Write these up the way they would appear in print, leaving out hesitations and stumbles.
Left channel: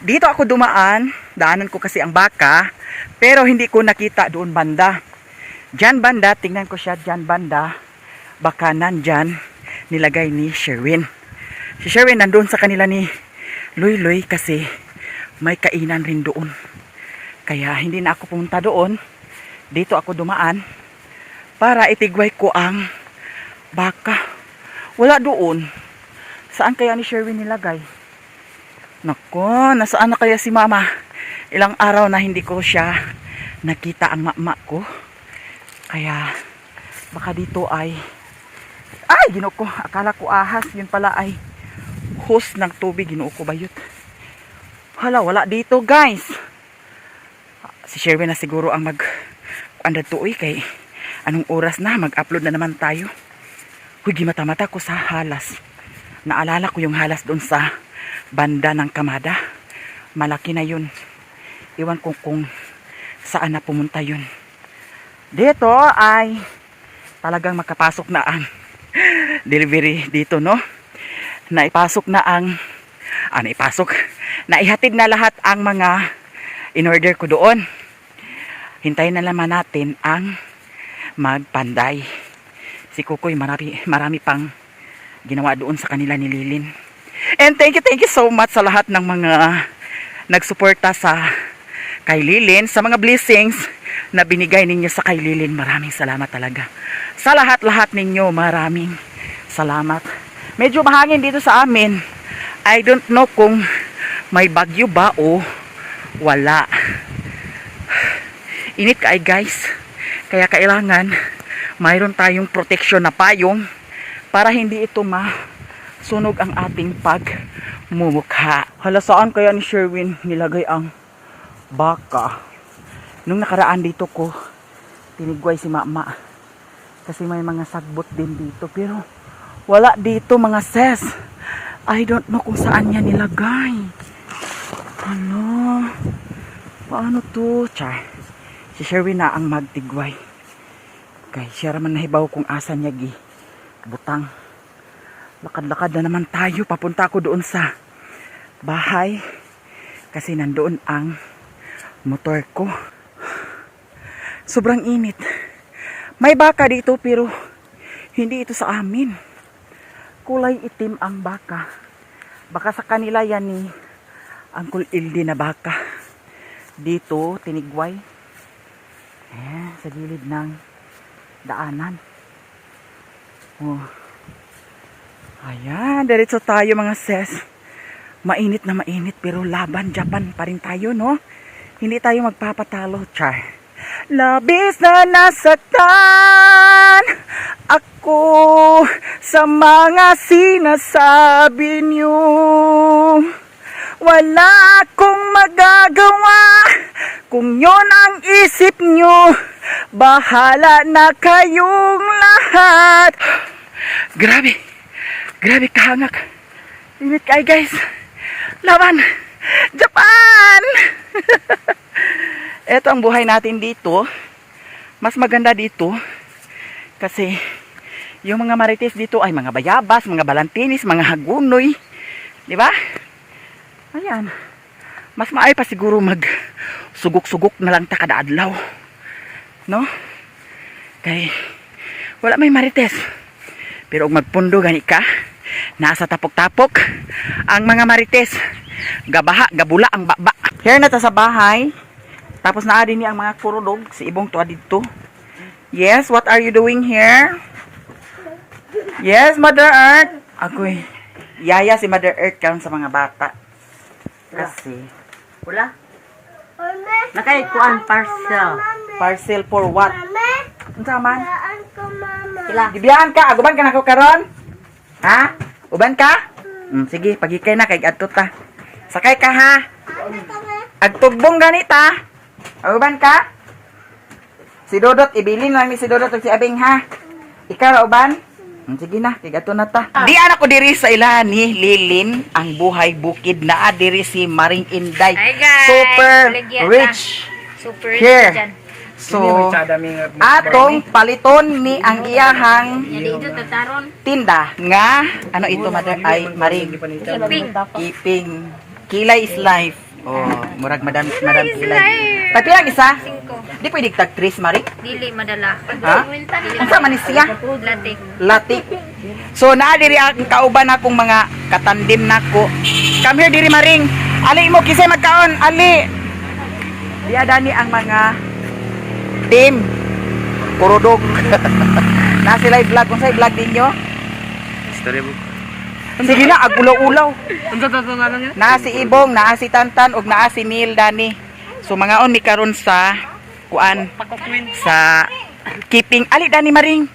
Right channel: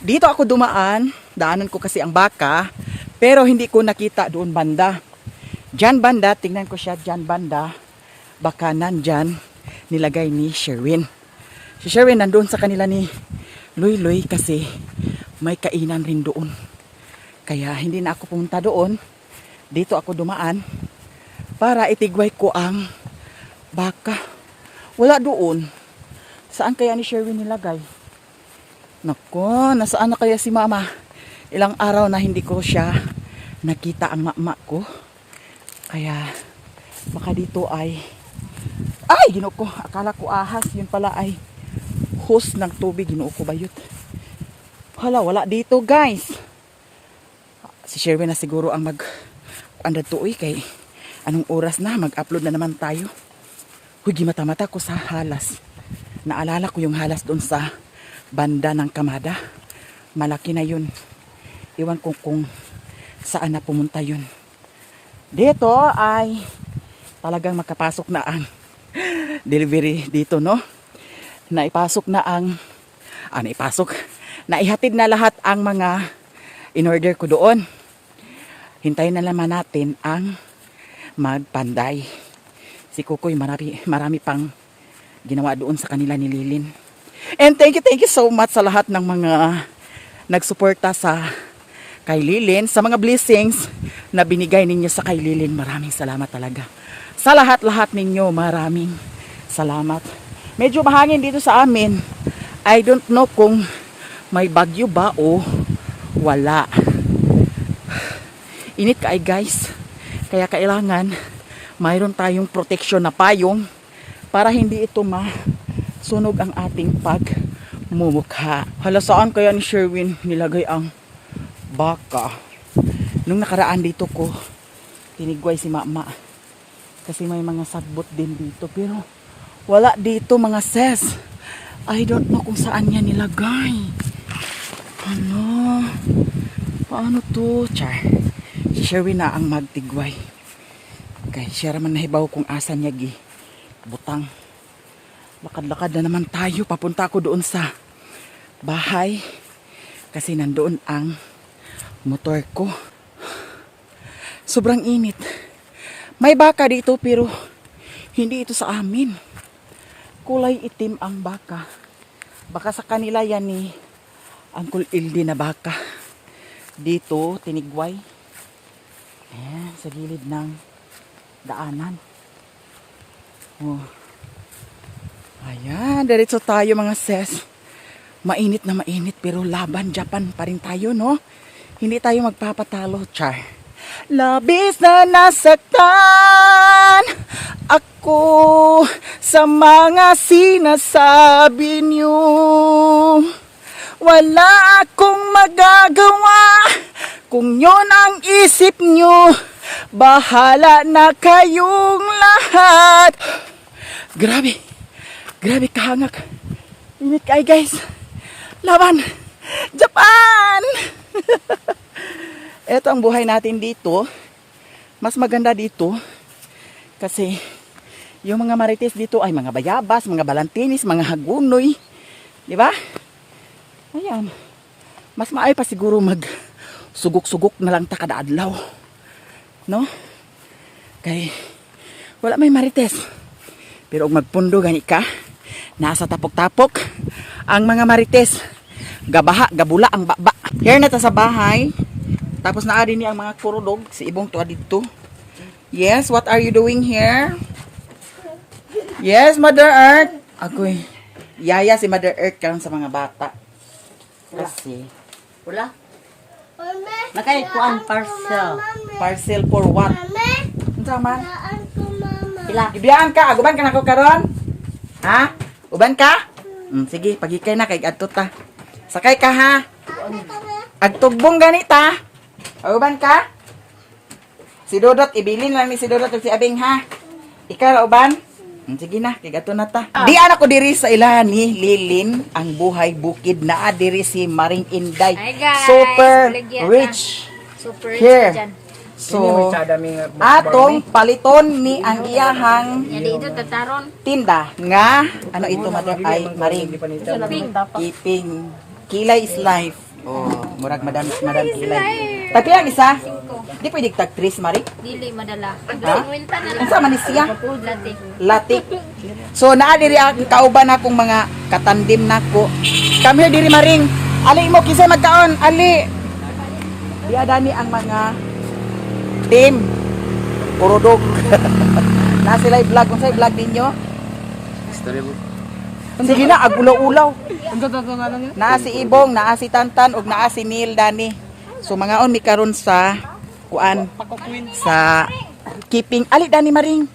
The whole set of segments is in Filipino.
Dito ako dumaan, daanan ko kasi ang baka, pero hindi ko nakita doon banda. Diyan banda, tingnan ko siya diyan banda, baka nandyan nilagay ni Sherwin. Si Sherwin nandun sa kanila ni Luy kasi may kainan rin doon. Kaya hindi na ako pumunta doon. Dito ako dumaan para itigway ko ang baka. Wala doon. Saan kaya ni Sherwin nilagay? Nako, nasaan na kaya si mama? Ilang araw na hindi ko siya nakita ang mama ko. Kaya baka dito ay ginoo ko, akala ko ahas, yun pala ay hose ng tubig, ginoo ko bayot. Hala, wala dito guys. Si Sherwin na siguro ang andad tuoy kay anong oras na, mag-upload na naman tayo. Huy, mata-mata ko sa halas. Naalala ko yung halas doon sa banda ng Kamada. Malaki na yun. Iwan ko kung saan na pumunta yun. Dito ay talagang makapasok na ang delivery dito, no? Naipasok na ang naihatid na lahat ang mga in-order ko doon. Hintayin na naman natin ang magpanday. Si Kukoy marami pang ginawa doon sa kanila ni Lilin. And thank you so much sa lahat ng mga nagsuporta sa kay Lilin, sa mga blessings na binigay ninyo sa kay Lilin. Maraming salamat talaga. Sa lahat-lahat ninyo, maraming salamat. Medyo mahangin dito sa amin. I don't know kung may bagyo ba o wala. Init kaay guys. Kaya kailangan mayroon tayong protection na payong para hindi ito masunog ang ating pagmumukha. Hala, saan kaya ni Sherwin nilagay ang baka? Nung nakaraan dito ko tinigway si mama. Kasi may mga sagbot din dito. Pero wala dito mga sis. I don't know kung saan niya nilagay. Ano? Paano to? Char. Si Sherwin na ang magtigway. Okay, siya raman nahibaw kung asan niya butang. Lakad-lakad na naman tayo. Papunta ako doon sa bahay. Kasi nandoon ang motor ko. Sobrang init. May baka dito pero hindi ito sa amin. Kulay itim ang baka. Baka sa kanila yan ni Uncle Ildi na baka. Dito, tinigway. Sa gilid ng daanan. Oh. Ayan, diretso tayo mga sis. Mainit na mainit pero laban Japan pa rin tayo, no? Hindi tayo magpapatalo, char. Labis na nasaktan ako sa mga sinasabi niyo. Wala akong magagawa kung yon ang isip niyo. Bahala na kayong lahat. Grabe kahangak. Init kayo guys. Laban Japan. Ito ang buhay natin dito. Mas maganda dito kasi yung mga marites dito ay mga bayabas, mga balantinis, mga hagunoy. Di ba? Ayan. Mas maay pa siguro sugok-sugok na lang ta kada adlaw. No? Kay wala may marites. Pero kung magpundo gani ka, nasa tapok-tapok ang mga marites. Gabaha, gabula ang baba. Here na ta sa bahay. Tapos naadi ni ang mga kurudog. Si Ibong tuwa dito. Yes, what are you doing here? Yes, Mother Earth. Ako'y yaya si Mother Earth karon sa mga bata. Kasi Wala? Nakay kuan parcel. parcel for what? Unsa man? Sila. Gibiyaan ka, aguban ka nako karon? Ha? Uban ka? Sige, pagikay na kay adto ta. Sakay ka ha. Agtugbong ganita. Aguban ka? Si Dodot, ibilin lang ni si Dodot ug si Abing ha. Ikaw ra uban? Sige na, kay adto na ta. Di anak ko diri sa ilahan ni Lilin ang buhay bukid naa diri si Maring Inday. Hi guys! Super Baligya rich. Super rich Here. dyan. So, atong paliton ni ang iyahang Dito tataron. tinda nga ano ito mother ay Maring Ping. Keeping Kilay is life. Oh, murag madam kilay. Tagpilang isa? 5. Di pwede tag 3 mari. Dili madala. Ha? Unsa man ni siya? Latik. Latik. So naa diri ang kauban akong mga katandim nako. Come here diri maring. Ali mo kisay magkaon, ali. Diya dani ang mga team. Kurodog. Na sila vlog kung sa vlog ninyo. Storybook. Sige na agulaw-ulaw. Ang totoo nga lang yan. Naa si Ibong, naa si Tantan ug naa si Neil Dani. So mga on mi karon sa kuan sa keeping ali Dani maring.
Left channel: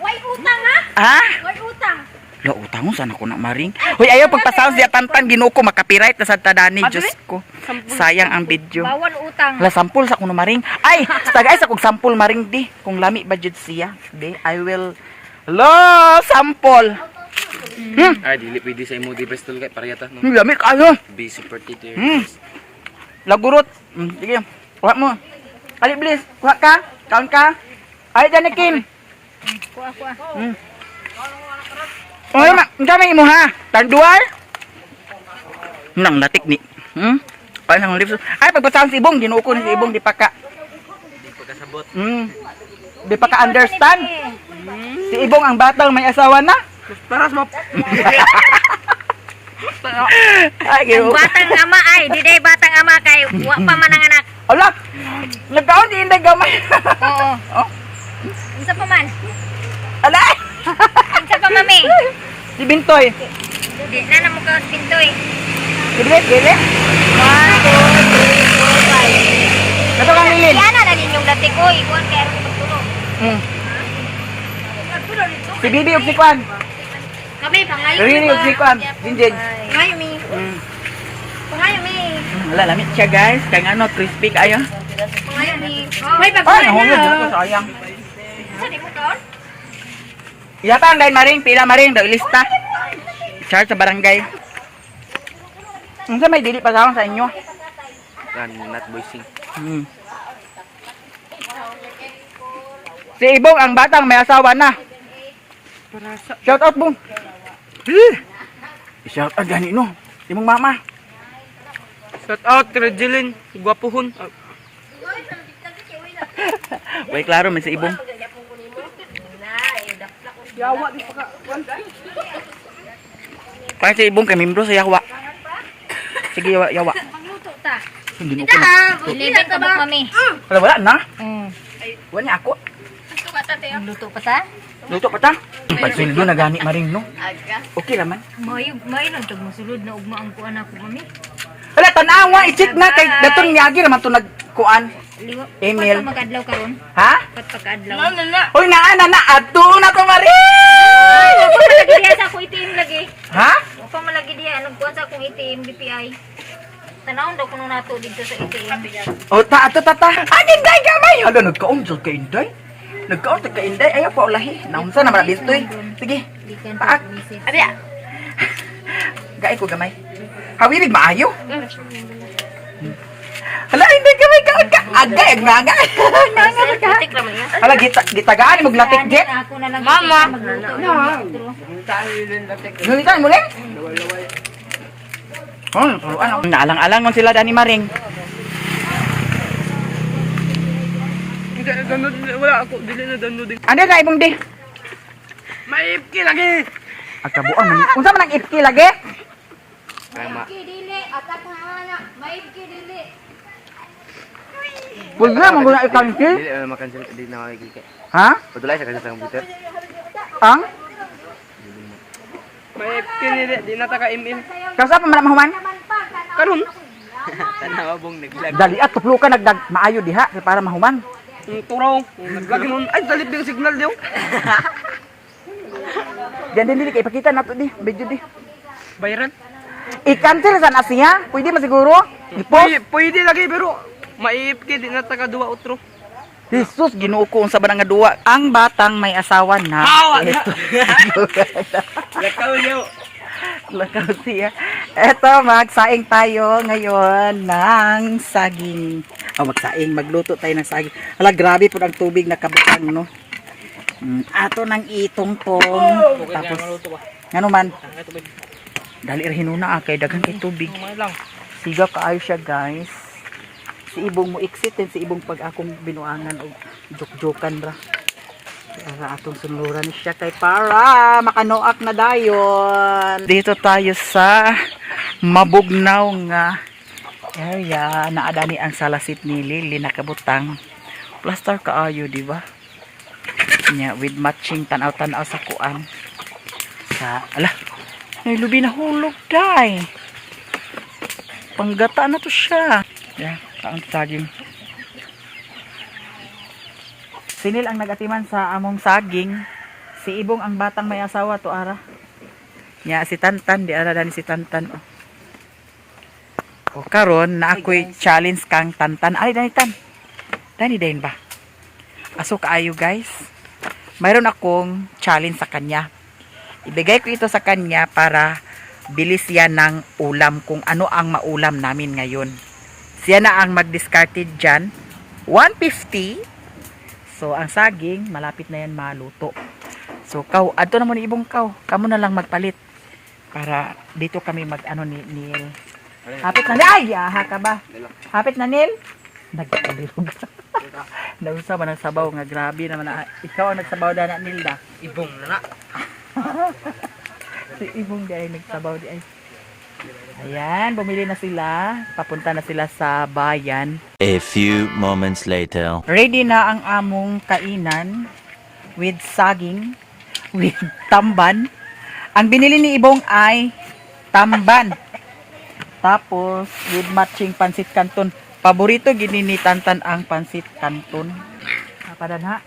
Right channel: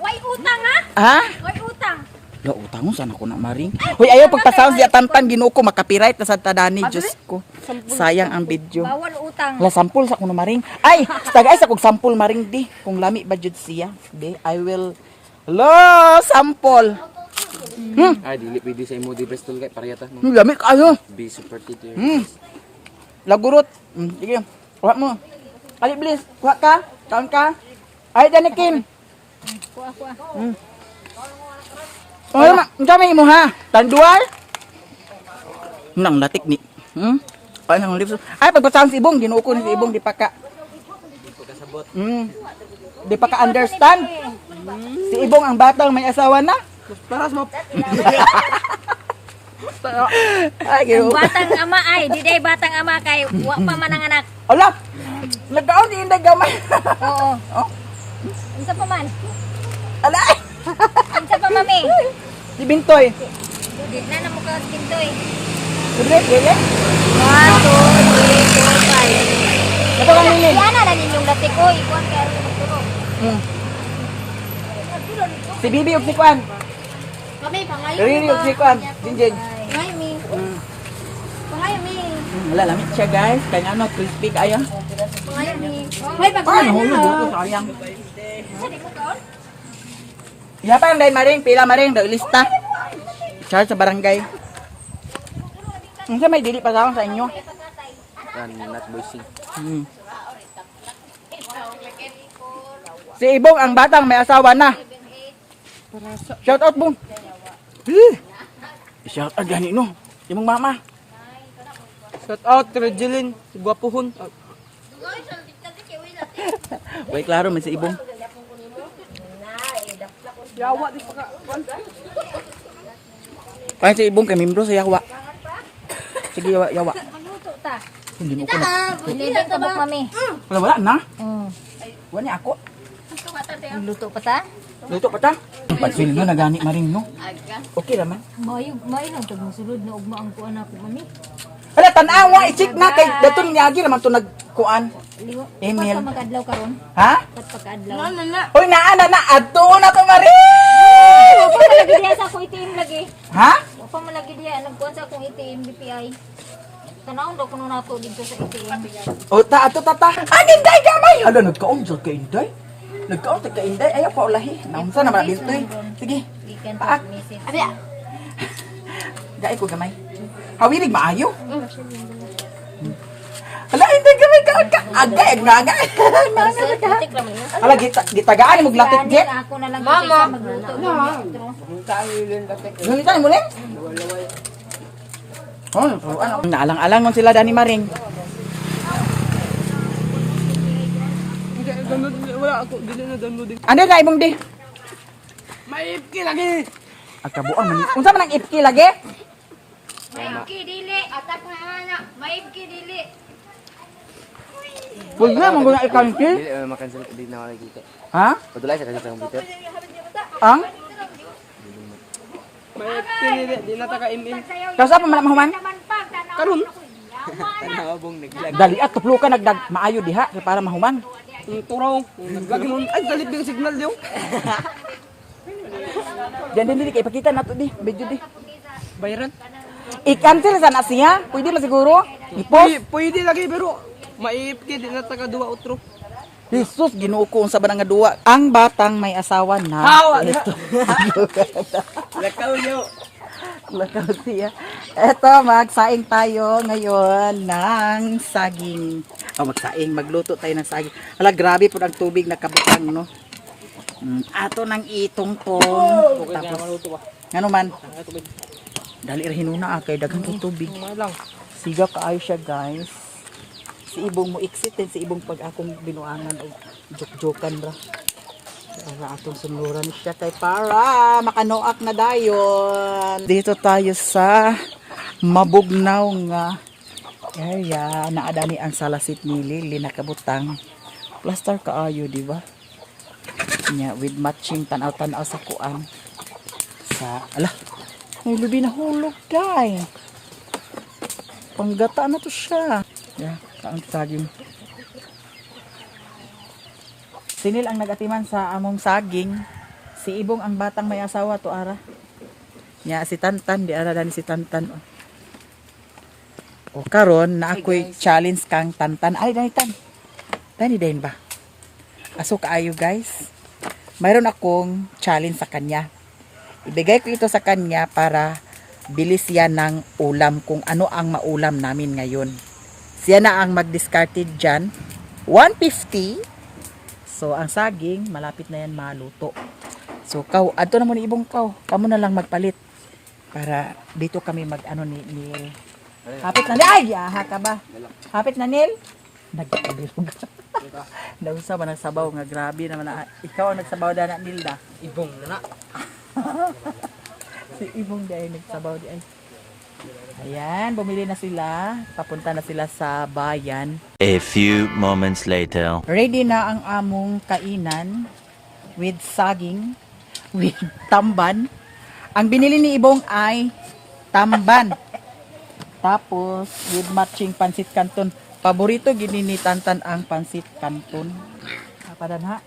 Way utang ha? Ha? Way utang. Lo utang mo sana ko na maring. Hoy ayo pagpasound siya Tantan ginuko makapiright na sa Dani Diyos ko. Sayang ang video. Bawal utang. La sampul sa kuno maring. Ay, tagay sa kog sampul maring di kung lami ba jud siya. Di I will lo sampol. Ay, dili pwede sa imo di pistol kay parehata no. Lami kayo. Basic particular. Lagurot. Sige. Kuha mo. Ali bilis. Kuha ka. Kaon ka. Ay Dani Kim. Kuha. Oy, gamay mo ha. Tanduar. Nang latik ni. Ay nang lips. Ay pagpasaon si Ibong, ginuko ni si Ibong di pa ka. Di pagkasabot. Di pa ka understand. Si Ibong ang batang may asawa na. Taras mo. Ay, ginuko. Batang ama ay, di day batang ama kay wa pa man ang anak. Ala. Nagkaon di inday gamay. Oo. Oh. Unsa pa man? Ala. Unsa pa mami? Si Bintoy. Di na namo ka pintoy. Dili. 1, 2, 3, 4, 5. Nato kang lilin. Yan na ninyong latik ko, ikuan kay ako magtulog. Si Bibi ug si Kwan. Kami pangayo. Riri ug si Kwan. Jinjin. Pangayo mi. Pangayo mi. Wala lamit siya guys. Kaya nga no, crispy kayo. Pangayo mi. Hoy Ay, pagkuha nahulog na. dito sayang. Sa di mo kaon? Yapang dahil maring, pila maring, daw ilista. Charge sa barangay. Unsa may dili pa sa inyo? Yan, not voicing. Si Ibong ang batang may asawa na. Shout out Bong. Shout out gani no. Imong mama. Shout out kay Jilin, gwapuhon. Way klaro man si Ibong. Kaya si Ibong kay membro sa Yawa. Sige Yawa. Pangluto ta. Hindi mo ko na. Ilibit ka ba mami? Wala na. Wala niya ako. Luto pa ta? Luto pa ta. Pagsildo na gani maring no. Okay naman. Mayo lang tag mosulod na ugma ang kuan ako mami. Wala tanawa i-check na kay daton miyagi naman to nagkuan. Email. Pat magadlaw karon. Ha? Pat pagkadlaw. Hoy na adto na to mari. Wa pa malagi diha sa akong ATM lagi. Ha? Wa pa malagi diha nagkuan sa akong ATM BPI. Tanawon daw kuno nato dito sa ATM. O ta. Inday gamay. Hala nagkaon jud kay Inday. Nagkaon ta kay Inday ayaw pa ulahi. Naunsa na bintoy. Sige. Dikan Paak. Abi. Gaay ko gamay. Hawirig maayo. Hala Inday gamay ka. Agay nga. Latik raman yan. Hala gitagaan mo glatik jet. Ako na lang mama magluto. Gunitan mo rin? Oh, ano? Naalang-alang man sila Dani Maring. Wala ako, dili na download din. Ano na ibong di? Maipki lagi. Agkabuang man. Unsa man ang ipki lagi? Maibki dili atak na ana. Maibki dili. Wala man guna ikaw ipki? Dili na makancel, dili na makikita. Ha? Padulay sa kasi sa computer. Ang? Maipki dili, di na taka email. Kausa pa man mahuman? Karon. Tanawa bong naglag. Dali at tuplo ka nagdag maayo diha kay para mahuman. Turaw, naglagi nun. Ay, dalit yung signal diyo. Diyan din dili kay ipakita nato di, video di. Bayaran? I-cancel sa na siya? Pwede man siguro? I-post? Pwede lagi pero maipki di na taka duwa utro. Jesus, Ginoo ko unsa ba nga duwa? Ang batang may asawa na. Ito. Lakaw niyo. Lakaw siya. Eto, magsaing tayo ngayon ng saging. Magsaing, magluto tayo ng saging. Hala, grabe po ang tubig na kabutang, no? Ato ng itong-tong. Tapos, ano man? Dali rin hinuna kay daghang kay tubig. Siga kaayo siya guys. Si ibong mo exit si ibong pag akong binuangan o jok-jokan ra. Para atong sunuran siya kay para makanoak na dayon. Dito tayo sa mabugnaw nga area na adani ang salasit ni Lily nakabutang. Plaster kaayo, di ba? Nya with matching tanaw-tanaw sa kuan. Sa ala, ay lubi na hulog day. Panggata na to siya. Yeah, ang saging. Sinil ang nagatiman sa among saging. Si Ibong ang batang may asawa to ara. Nya si Tantan di ara dani si Tantan. O karon na ako'y challenge kang Tantan. Ay dani Tan. Dani dayon ba? Aso kaayo guys. Mayroon akong challenge sa kanya. Ibigay ko ito sa kanya para bilis yan ng ulam kung ano ang maulam namin ngayon. Siya na ang mag-discarded dyan. 150. So, ang saging, malapit na yan maluto. So, adto na mo ni Ibong Kamo na lang magpalit. Para dito kami mag-ano ni Neil. Hapit na, ay, aha ka ba? Hapit na, Neil? Nagkabilog. Nausa ba nagsabaw nga, grabe naman na. Ikaw ang nagsabaw na Neil da. Ibong na. Si Ibong di ay nagsabaw di ay. Ayan, bumili na sila. Papunta na sila sa bayan. A few moments later. Ready na ang among kainan with saging, with tamban. Ang binili ni Ibong ay tamban. Tapos with matching pansit canton. Paborito gini ni Tantan ang pansit canton. Kapadan ha.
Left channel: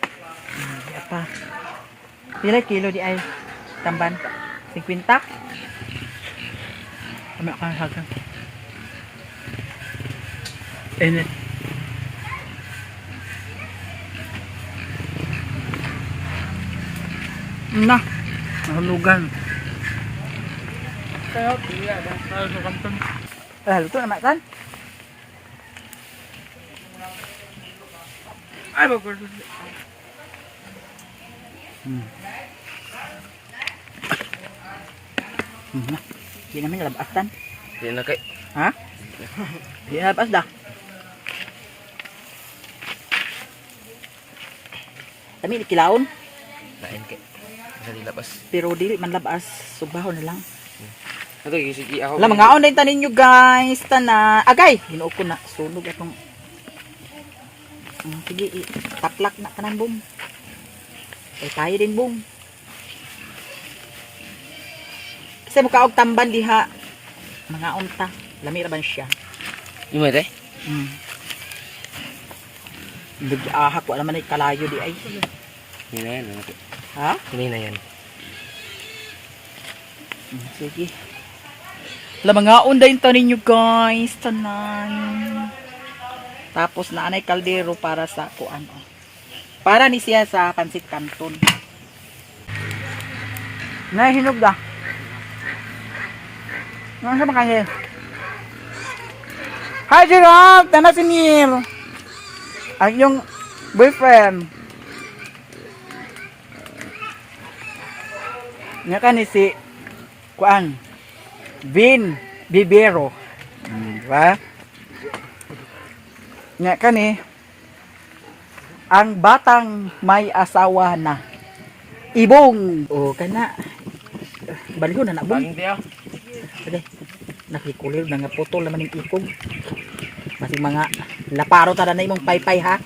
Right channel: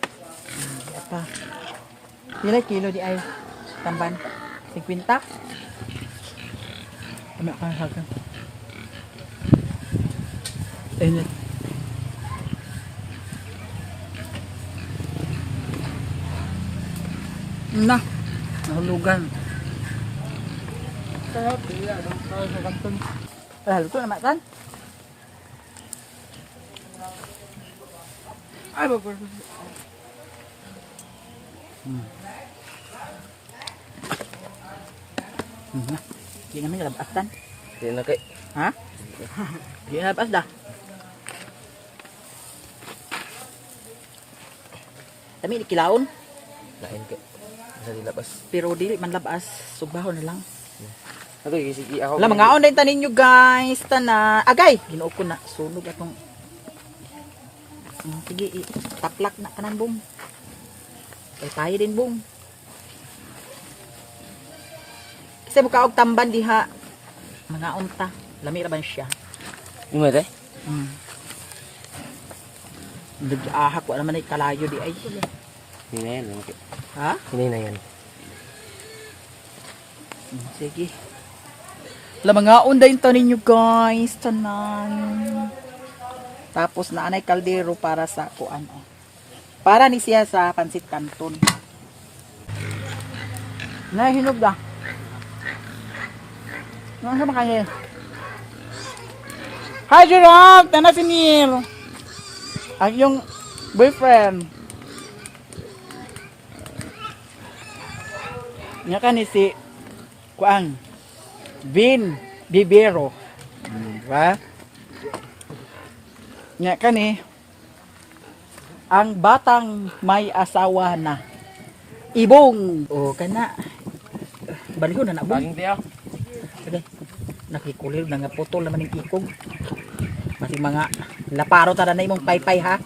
Apa? Pila kilo di ay tamban? 50? Kami akan hagang. Ini. Nah, nahulugan. Kaya tiya dah sa kanton. Luto na kan? Ay bagus. Hindi namin nalabas tan. Hindi na kay. Ha? Hindi nalabas dah. Kami kilaon. Lain kay. Sa dilabas. Pero dili man labas. Subaho na lang. Ato sige ako. Wala, mga online tanin nyo guys. Tana. Agay! Ginuog ko na. Sunog atong. Sige, taplak na kanan bong. Ay tayo din bong. Kasi mukha og tamban diha. Mga unta. Lami ra ba siya? Imo te? Hindi ahak. Wala man ay kalayo di ay. Hindi na yan. Ha? Hindi na yan. Sige. Wala, mga unday tanin nyo guys. Tanan. Tapos naanay kaldero para sa kuan. Para ni siya sa pansit canton. Nahinog da. Ano sa makanya? Hi Gerald! Tana si Neil. Ang yung boyfriend. Nya ka ni si kuan Vin Bibero. Diba? Nya ka ni ang batang may asawa na. Ibong. O kana. Baliho na na bong. Baging tiyo. Ade. Nakikulir na nga putol naman yung ikog. Kasi mga laparo tada na imong paypay ha.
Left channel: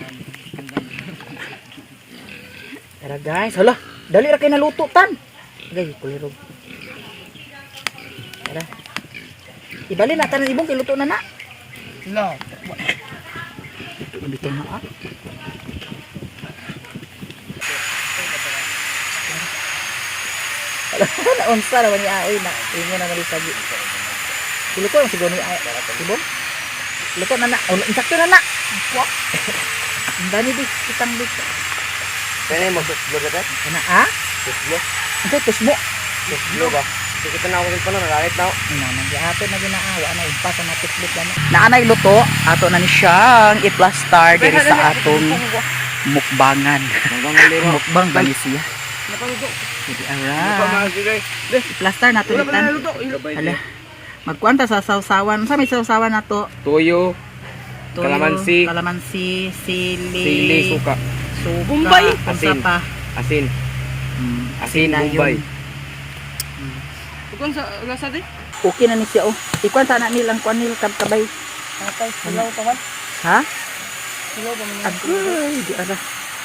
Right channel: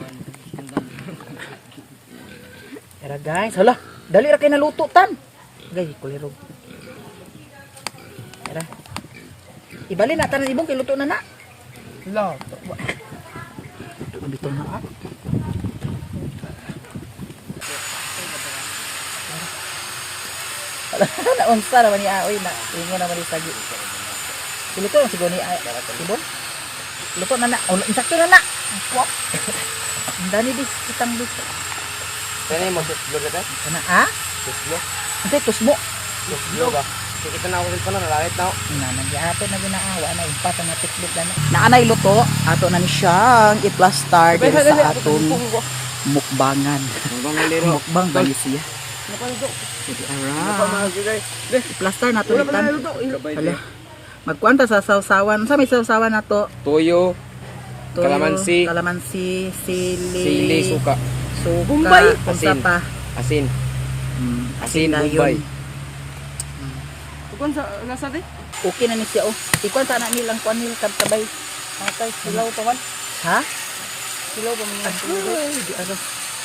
Tara guys, hala. Dali ra kay naluto tan. Gay kulirog. Tara. Ibali na tan ibong kay luto na na. Lo. Bitaw na ah. Alam mo na unsa naman niya oy na. Ingon naman sa gi. Luto lang siguro ni ibong. Luto na na. Oh, insakto na na. Pop. Ang dami di kitang dito. Kaya mo suslo ka te? Ana ah? Suslo. Ito tusmo. Suslo ba? Sige kita na ako rin pa na nalalit na ako. Naman di ato na ginaawa na impa sa mga tusbot na. Naanay luto, ato na ni siyang i-plaster diri sa atong mukbangan. Mukbang ba ni siya? Sige, alright. I-plaster nato ni tan. Hala. Magkuan ta sa sawsawan. Sa may sawsawan na to? Toyo, Toyo, Kalamansi. kalamansi, sili, sili, suka, suka, unsa Asin. pa? asin. Asin, dayon. bombay. Kung sa lasa di? Okay na ni siya oh. Ikuan ta na nilang kuan nil kabay. Patay, silaw pa man. Ha? Silaw pa man. Agoy, di ala.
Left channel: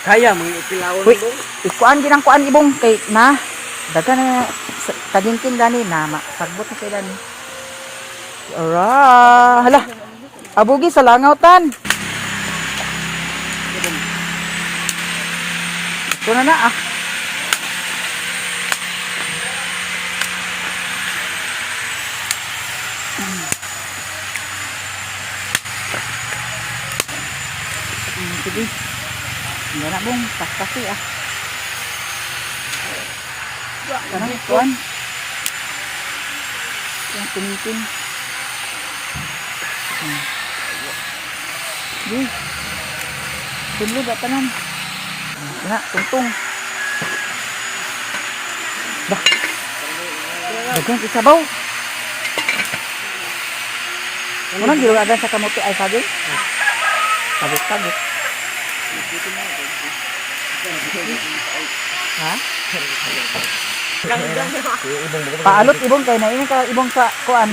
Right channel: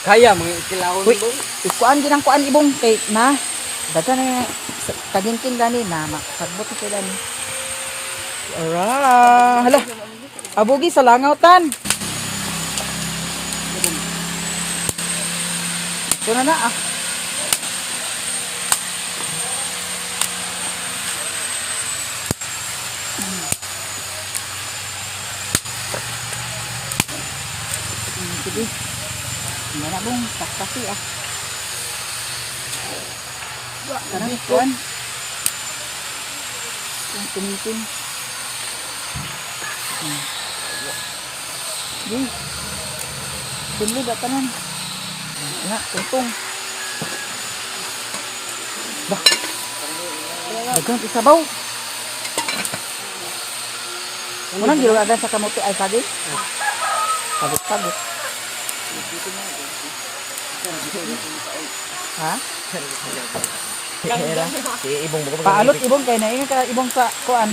Kaya, mga ikilawon Uy, mo. ikuan ginang kuan ibong kay na. Daga na tagingking gani na pagbot na kay dani. Ara, hala. Abugi sa langawtan. Ito na na ah. Sige. Hindi na bong, paspasi ah. Karang kuan. Yang kumitin. Di. Tunlo ba tanan? Na, tungtong. Bah. Bagang isabaw. Unang gilo ada sa kamote ay sabi? Sabi. Ha? Paalot ibong kayo na ibong ka ibong sa kuan.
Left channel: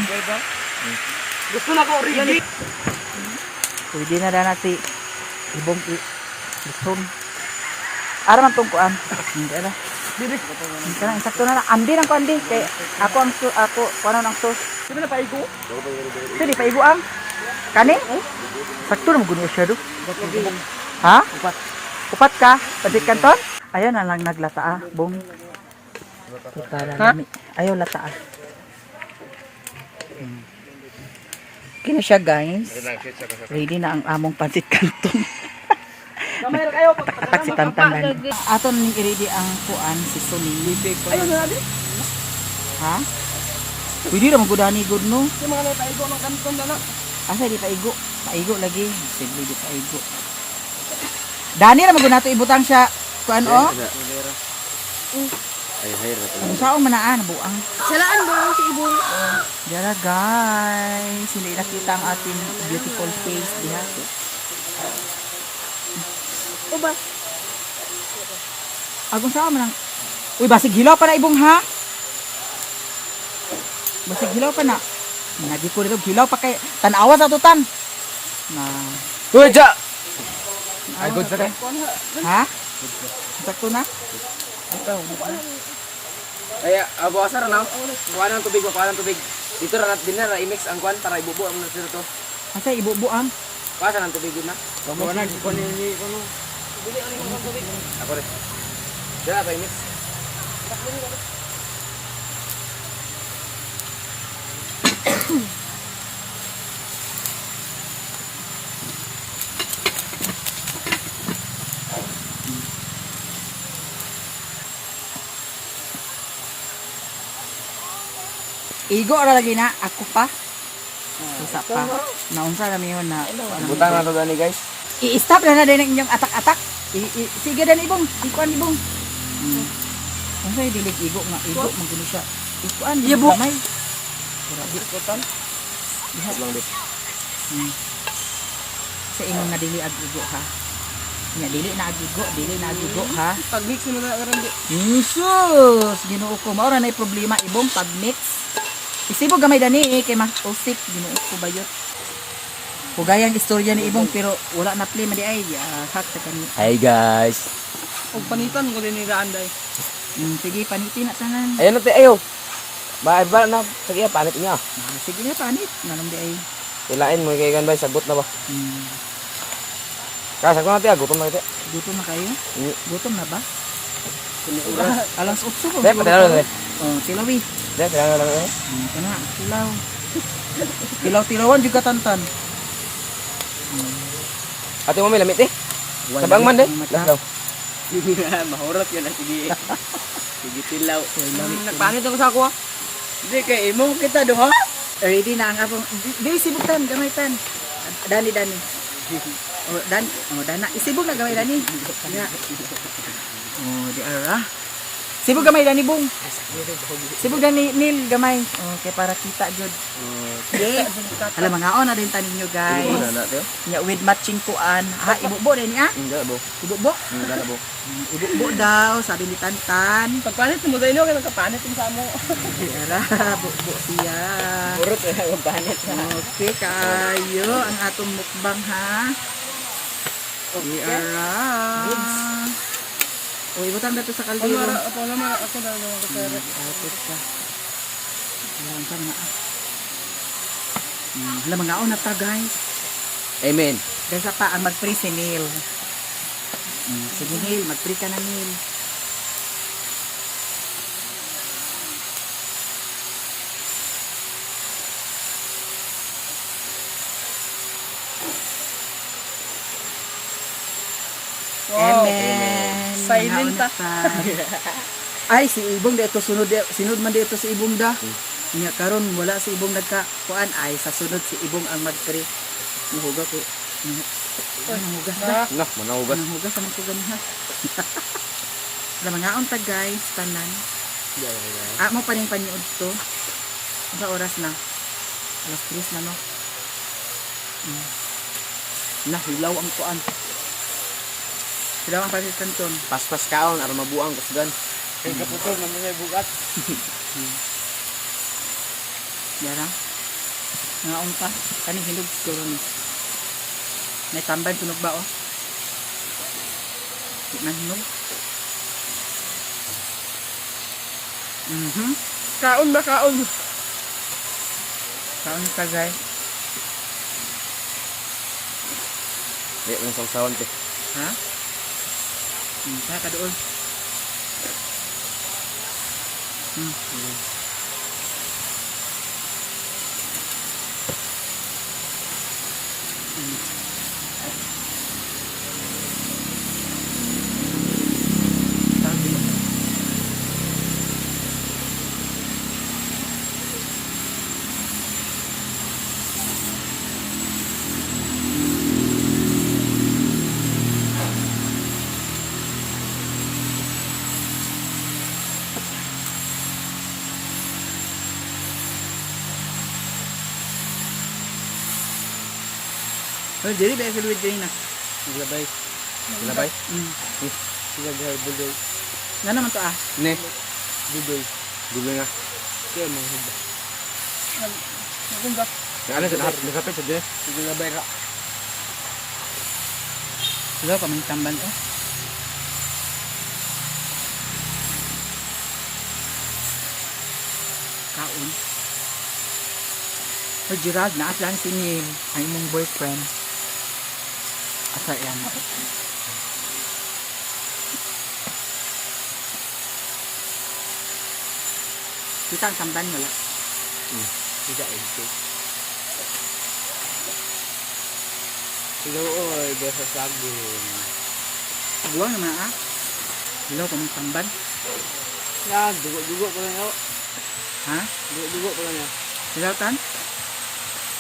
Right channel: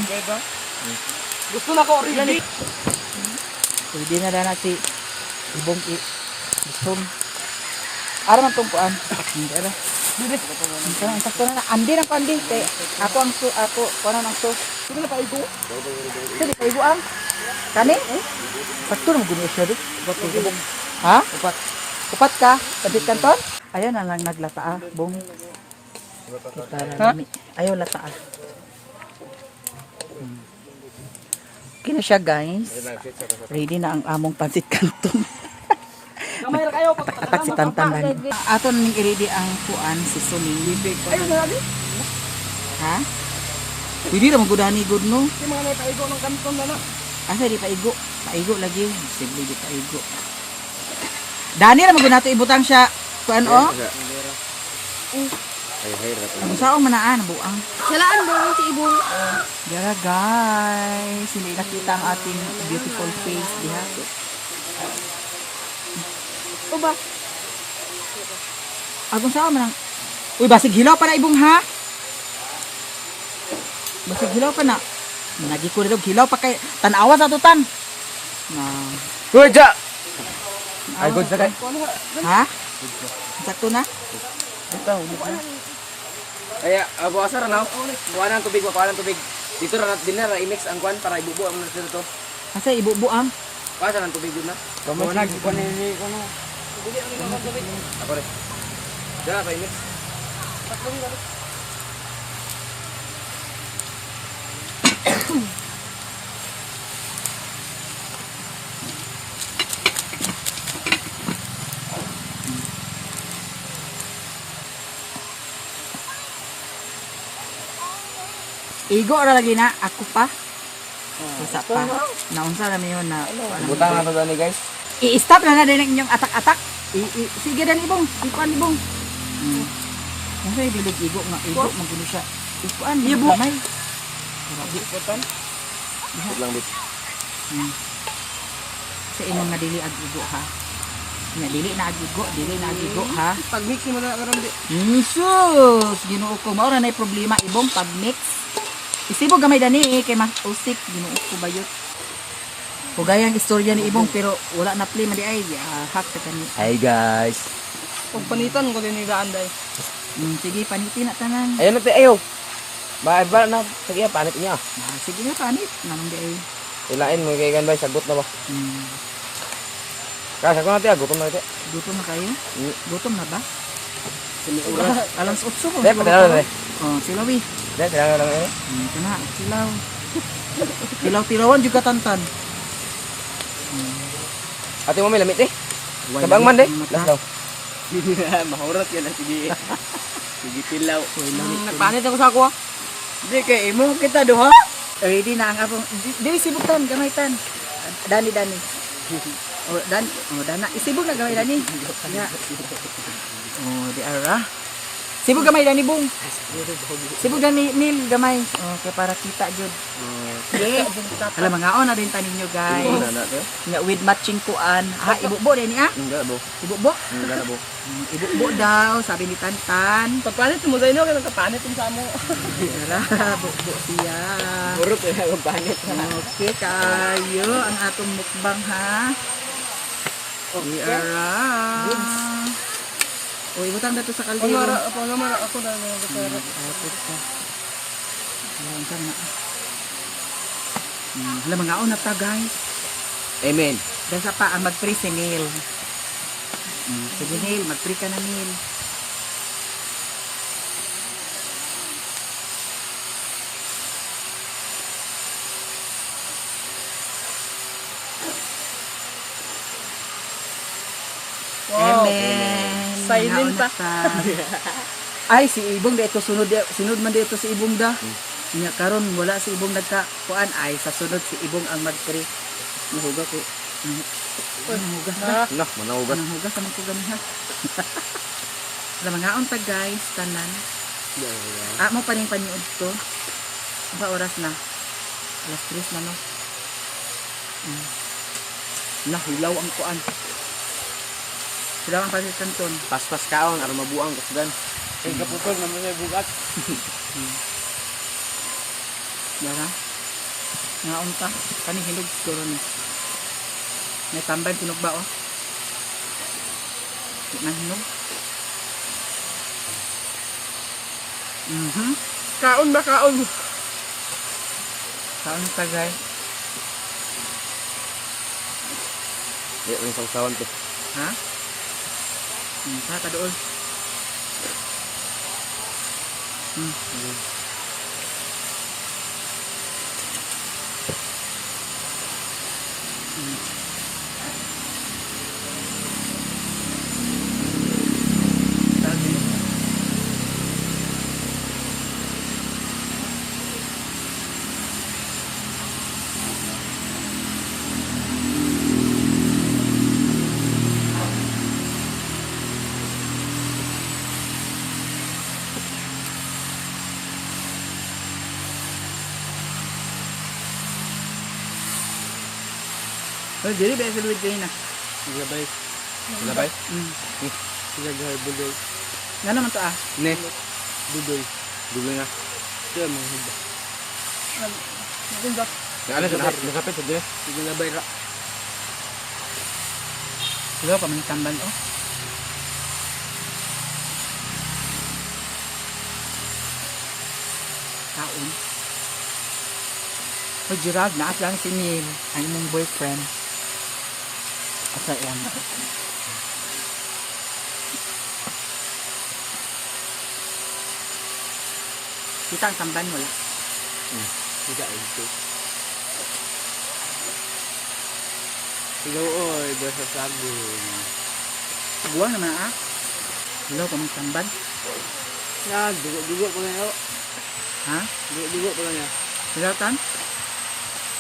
Gusto na ko rin. Pwede na na si ibong gusto. Ara man tong kuan. Hindi ala. Bibit. Kana insakto na andi nang kuan di kay ako kuan ang sus. Sino na paigo? Sino paigo ang? Kani? Sakto na mo guno siya do. Ha? Upat ka? Tabit kanton? Ayaw na lang naglata ah, bong. Ha? Ayaw lata ah. Kini siya guys. Ready na ang among pansit kanton. Kamay ra kayo. Atak si Tantan. Aton ning i-ready ang kuan si Suling. Ayun na di. Ha? Pwede ra magudani good no. Si mga naigo ng kanton na no. Asa di paigo? Paigo lagi. Simple di paigo. Dani ra magunato ibutang siya kuan o. Ang saong manaan buang. Salaan ba si ibong? Dara guys, hindi nakita ang ating beautiful face diha. O ba? Agon sa man ang uy, basig hilaw pa na ibong ha. Basig hilaw pa na. Nagi ko dito hilaw pa kay tan-awa sa tutan. Na. Uy, ja! Ay, good sa kay. Ha? Sakto na? Ay, abo asar na. Kuha ng tubig, kuha ng tubig. Dito na dinner i-mix ang kwan para ibubo ang nasa dito. Asa ibubuang? Kuha ng tubig yun na. Kuha na, kuha ni ano. Ako rin. Dala pa i-mix. Igo ra lagi na ako pa. Isa pa. Naunsa na mi yun na Butang na to gani guys. I-stop na din inyong atak-atak. Sige dan ibong, ikuan ibong. Yan sa dilig igo nga igo magulo siya. Ikuan mo gamay. Grabe putan. Diha Lang bit. sa imong nga dili ag igo ha. Nya dili na ag igo ha. Pag mix mo na karon di. Sus, Ginoo ko mao ra nay problema ibong pag mix. Isibo gamay dani kay mas usik Ginoo ko bayot. Hugayang istorya ni ibong pero wala na play man di ay hack sa kani. Hi guys. Pag panitan ko din ni Gaanday. Sige panitin na tanan. Ayun na ayo. Ba na sige panit niya. Sige nga panit nganom di ay. Ilain mo kay ganbay sagot na ba? Kaya ko natin gutom na ito. Gutom na kayo? Gutom na ba? Oras. Alas 8 ko. Dahil patila na rin. Oh, tilawi. Dahil patila na rin. Ito na, tilaw. Tilaw-tilawan juga tantan. Ate mo may lamit eh. Kabang man Ang mata. Let's go. Mahurat yan ang sige. Sige tilaw. Nagpanit ako sa ako ah. Hindi kay imo kita do ha. Ready na ang abong. Di sibutan, gamay-tan. Dani. Dana. Isibog na gamay dani. Ya. Oh, di ara. Sibog gamay dani bung. Sibog dani nil gamay. Okay, para kita jud. Okay. Alam mga on na din tanin nyo guys. Nya with matching kuan. Ibubo din ha? Enggak, Bo. Ibubo. Enggak na, Bo. Ibubo daw, sabi ni Tantan. Pagpanit mo dahil ka nagkapanit yung samo. Ara, bubo siya. Burot eh, magpanot. Okay, kayo ang atong mukbang ha. Ara. O, ibutang na to sa kaldero. Ako na nagkasara. Tapos ka. Alam ka na. Alam mga una ta guys. Amen. Dasa pa ang mag-free si Neil. Sige Neil, mag-free ka na Neil. Wow. Amen. Silent Mga una ta. Ay, si Ibong dito sunod man dito si Ibong da. Nya karon wala si Ibong nagka-kuan ay sa sunod si Ibong ang mag-free. Nahuga ko. Nahugas na. Nah, manahugas. Nahugas naman ko ganiha. Alam mga unta guys, tanan. Mo pa rin paniod to. Sa oras na. Alas 3 na no. Nahilaw ang kuan. Hilaw ang pasit kanton. Pas-pas kaon, aron mabuang kusgan. Ay, kaputol naman niya bugat. Yara. Nga unta. Kaning hinog siguro ni. May tambay tunog ba oh? Di man hinog. Kaon na kaon. Saan ka guys? Di rin sausawan te. Ha? Saan ka doon? Sabi. Oh, dili ba sa luwid kayo na? Gabay. Labay. Sila gahal budoy. Nga naman to ah. Ne, Budoy. dulo na. Kaya mo hida. Nagumba. Ano sa nasapit sa dire? Sige gabay ka. Hello, pamaning tamban oh. Kaon. Oh, Gerald, naas lang si Neil, ang imong boyfriend. Asa yan? Kita ang tamban, wala. Tidak ito. Looy, sa sagun. Buwang naman ah. Hello, pamang tamban. Na, dugo ko lang ako. Ha? Dugo ko lang niya. Hello, Tan?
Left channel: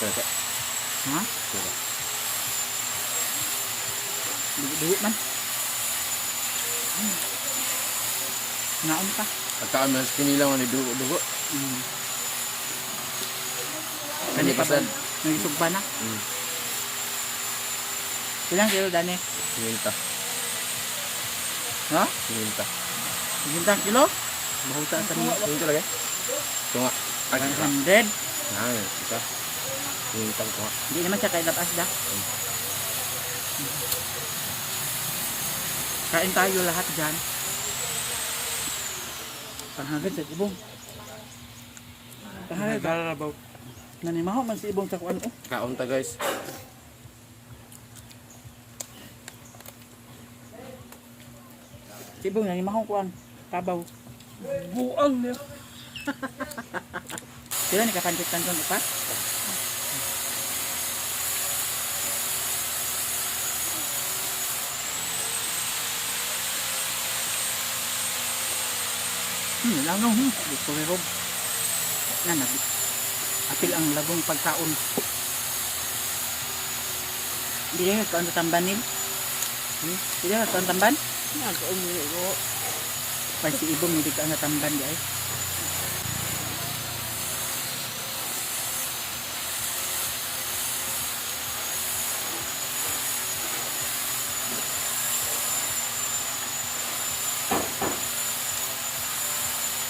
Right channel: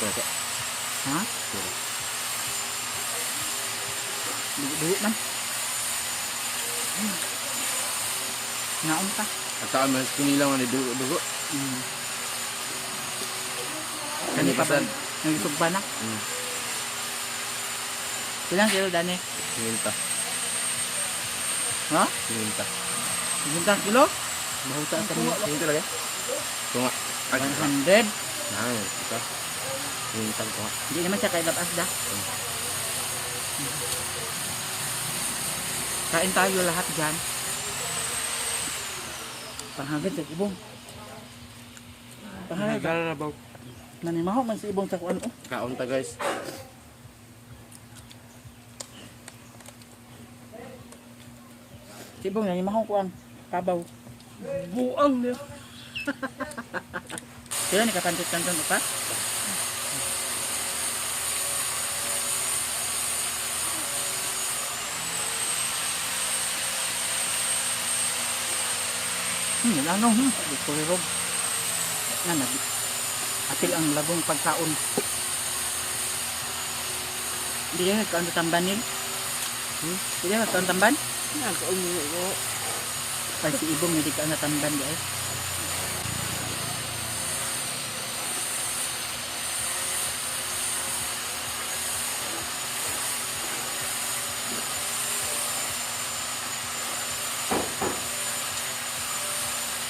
Kaya Ha? Dugo man. Ngaon pa. Pagkaan man sa pinilang ni dugo-dugo. Kani pa ba? Nagisog pa na? Ilang kilo dani? Sininta. Ha? Sininta. 50 kilo? Bahuta sa niyo. Sininta lagi? Tunga. 100. Nah, kita. Sininta ko nga. Hindi naman siya kay labas da. Kain tayo lahat dyan. Panghagad sa ibong. Panghagad. Dalabaw. Nanimaho man si ibong sa kuan oh. Kaon ta guys. Si ibong nanimaho kuan. Kabaw. Buang niya. Sila ni kapantit kanton upat. Ano? Kurerog. Na apil ang lagong pagkaon. Hindi na kaon sa tamban nil. Hindi na kaon tamban. Nakaumili ko. Pag si Ibong hindi ka natamban guys.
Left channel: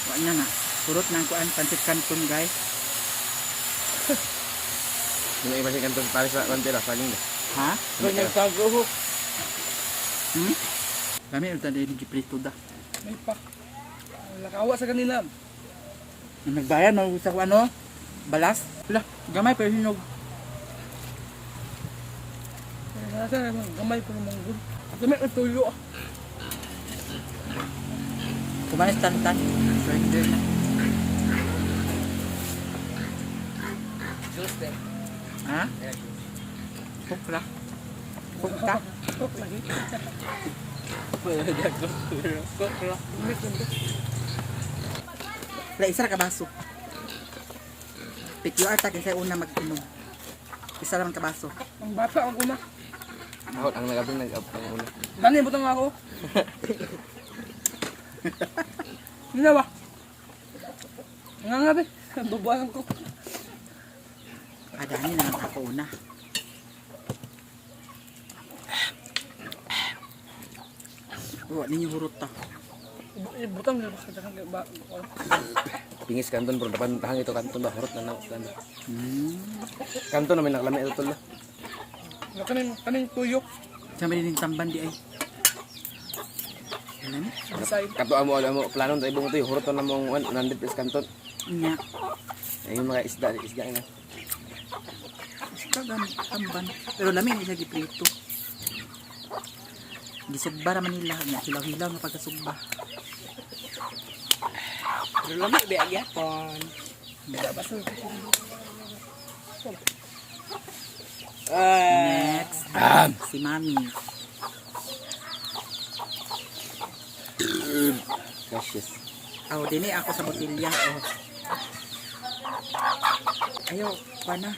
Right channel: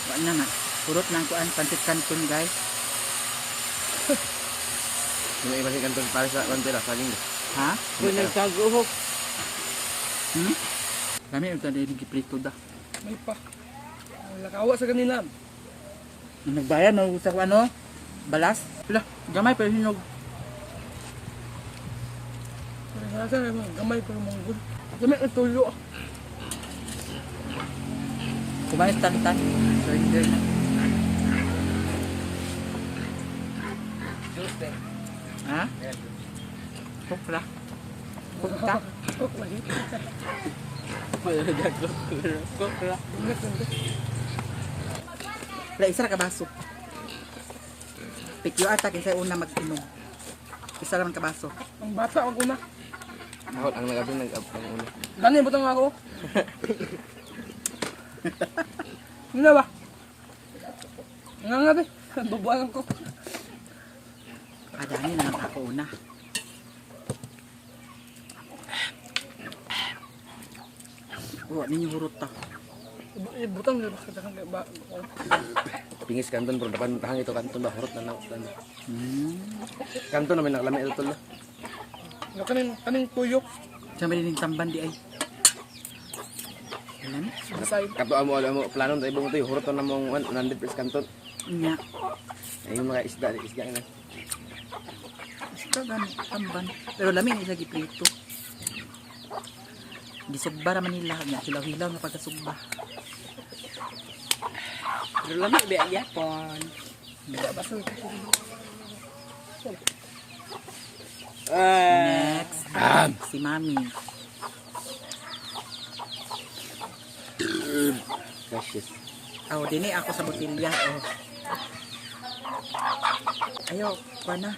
Wala na. Purot na ang kuan pansit canton guys. Yung iba si kanton para sa bandera saling ba. Ha? Kung nagtaguhok. Kami ito din giprito da. May pa. Lakawa sa kanila. Nung nagbayad mo sa ano? Balas? Wala, gamay pero hinog. Nasa gamay ko ng manggol. Gamay ang tuyo. Kumain tantan. Surrender na. Ha? Pukla. Pukta. Tok lagi. Tok lah. Wala, isa ra ka baso. Pick your attack sa una mag-inom. Isa lang ka baso. Ang bata ako na. Ako ang nagabing nag-ang ulo. Dani butang ako. Hindi na ba? Nangangabi. Babuan ko. Adani na lang ako una. Oh, ninyo hurot ta. Butang nila basta kan ba. Pingis kanton bro, dapan tahang itu kanton ba hurot na kanton. Kanton naman nakalami ito tol. Kaning tuyo. Sama din tamban di ay. Alam? Kato amo plano tayo ibong ito hurot na mong 100 plus kanton. Nya. Yung mga isda nga. Basta ganun, tamban. Pero lamin isa giprito. Gisugba naman nila nga, hilaw-hilaw na pagkasugba. Lama be ayapon. Next, si Mami. Precious. Oh, dini ako sa botilya. Oh. Ayo, kuha na.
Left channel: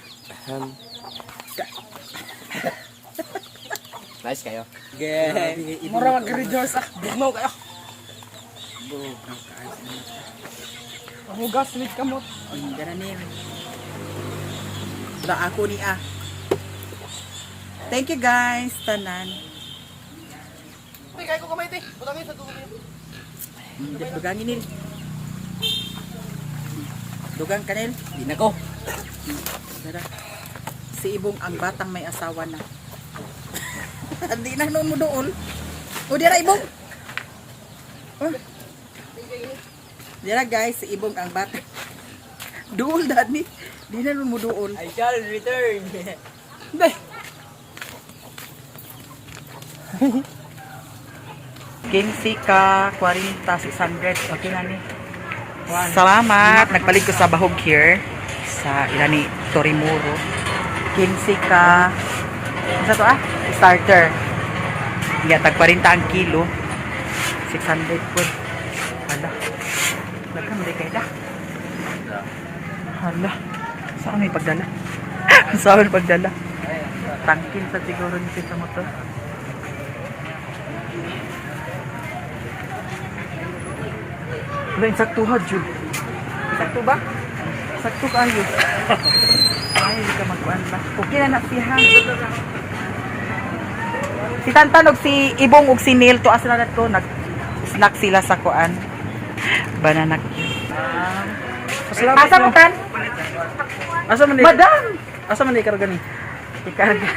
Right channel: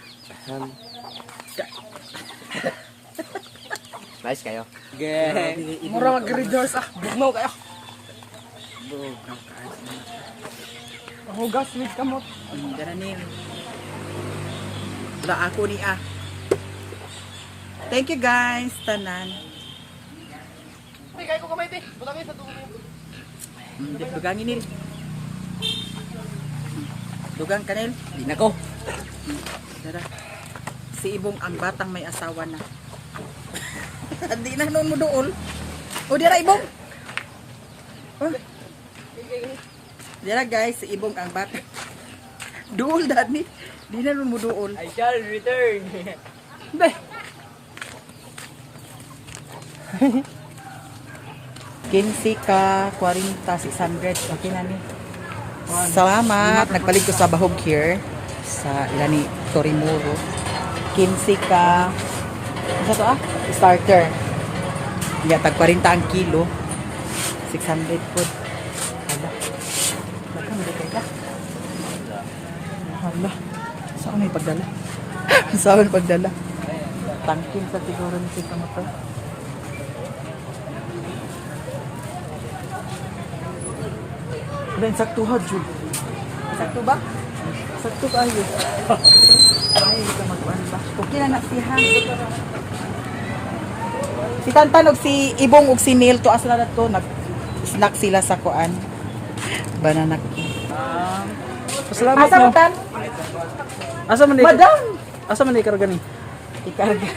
Nice kayo. Grabe, Mura mag-rejoice ah. Bugnaw kayo. Bugaw ka sa mata. Hugas with kamot. Dara ni. Wala ako ni ah. Thank you guys, tanan. Uy, kaya ko kamay te. Butangin sa tubo. Dugangin nil. Dugang kanil. Di na ko. Dara. Si Ibong ang batang may asawa na. Hindi na noon mo dool. O dira Ibong. Oh. Dira guys, si Ibong ang batang. Dool dani. Di na noon mo dool. I shall return. Day. 15 ka 40 600. Okay na ni. Salamat. Nagpalit ko sa bahog here sa ilani Torimuro. 15 ka ano to ah? Starter. Iya tag 40 ang kilo. 600 po. Hala. Lagkan mo di kay da. Hala. Saan may pagdala? Saan may pagdala? Tangkin sa siguro ni sa motor. Wala, insakto ha, Jud. Insakto ba? Insakto ka, Jud. Ay, hindi ka mag-uwan ba? Okay na siya. Si Tantan og si Ibong og si Neil to asla na to nag-snack sila sa kuan. Banana. Asa mo tan? Asa man Madam! Asa man ikarga ni? Ikarga.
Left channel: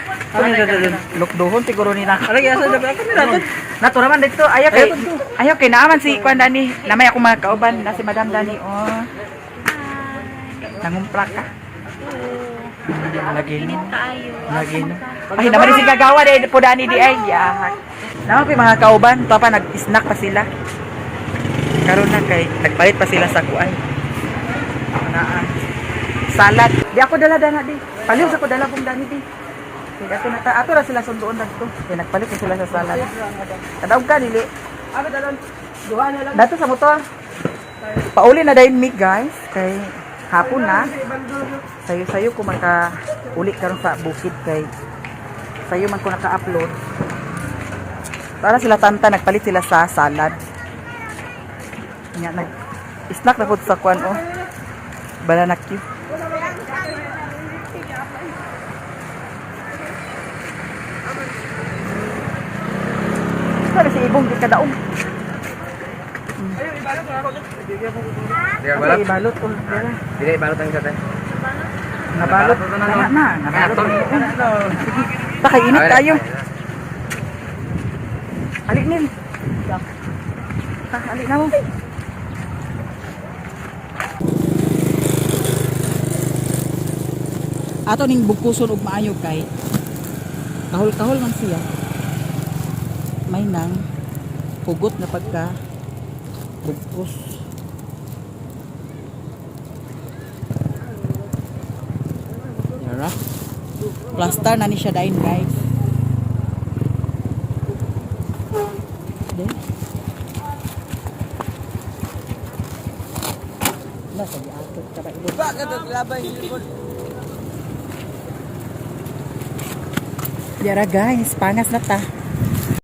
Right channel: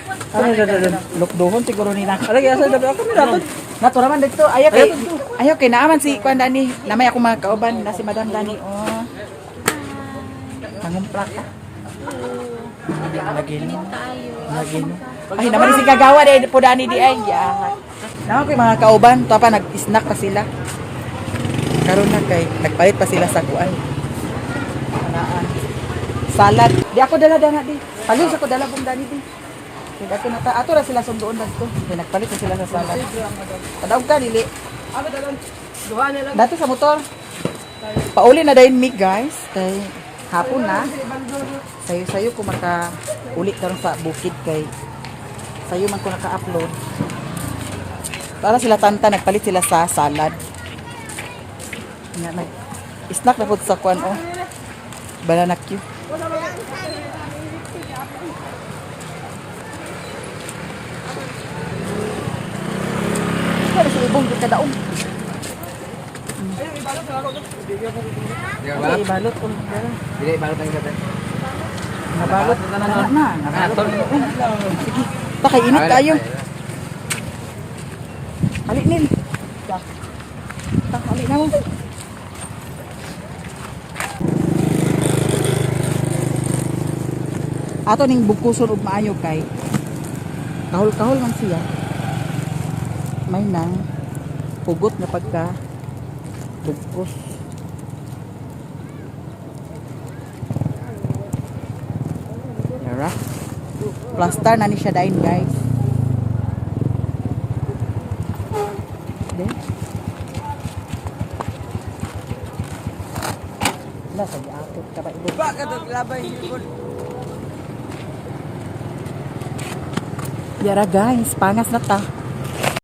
Lukdohon siguro ni na. Alagi asa dapat ako nila. Nato naman dito. Ayaw kay naaman si kuan Dani. Namay ako mga kauban na si Madam Dani. Oh. Nangumpla ka. Lagi no. Lagi no. Ay naman si kagawa dai po Dani di ay. Naman ko mga kauban, to pa nag-snack pa sila. Karon na kay nagpalit pa sila sa kuan. Anaan. Salad. Di ako dala-dala di. Paliw sa ko dala pong Dani di. Kaya ato na ato ra sila sunduon dagto. Kaya nagpalit na sila sa salad. Kadaog ka dili. Ano dalan? Duha na lang. Dato sa motor. Pauli na dayon mig guys kay hapon na. Sayo-sayo ko maka-uli karon sa bukid kay sayo man ko naka-upload. Para sila tanta nagpalit sila sa salad. Nga nag snack na po sa kwan oh. Banana Q. Para si ibong di kadaong. Di ka Balot. balot? Ibalot ko. Dara. Dili, balot ang isa te. Nabalot na. Nabalot na. Sige. Takay init tayo. Ali nin. Ali na mo. Ato ning bugkuson og maayo kay kahol-kahol man siya. May nang hugot na pagka bugkos. Tara. Plaster na ni siya dain guys. Then, nasa giatot ka ba ibon? Bakit naglabay yun? Yara guys, pangas na ta.